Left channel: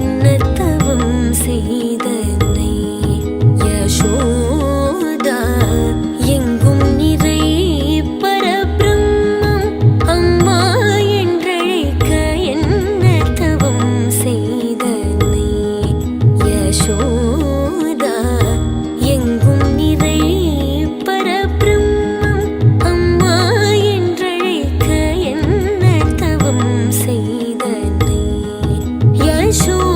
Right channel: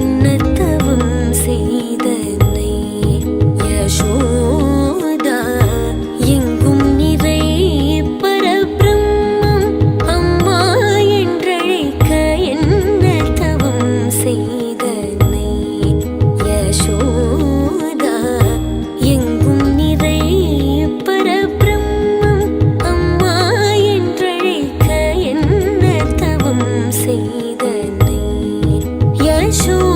என்ன தவம் செய்தனை யசோதா எங்கும் நிறை பரபிரம்மம் அம்மா என்றழைக்க என்ன தவம் செய்தனை யசோதா எங்கும் நிறை பரபிரம்மம் அம்மா என்றழைக்க என்ன தவம் செய்தனை யசோதா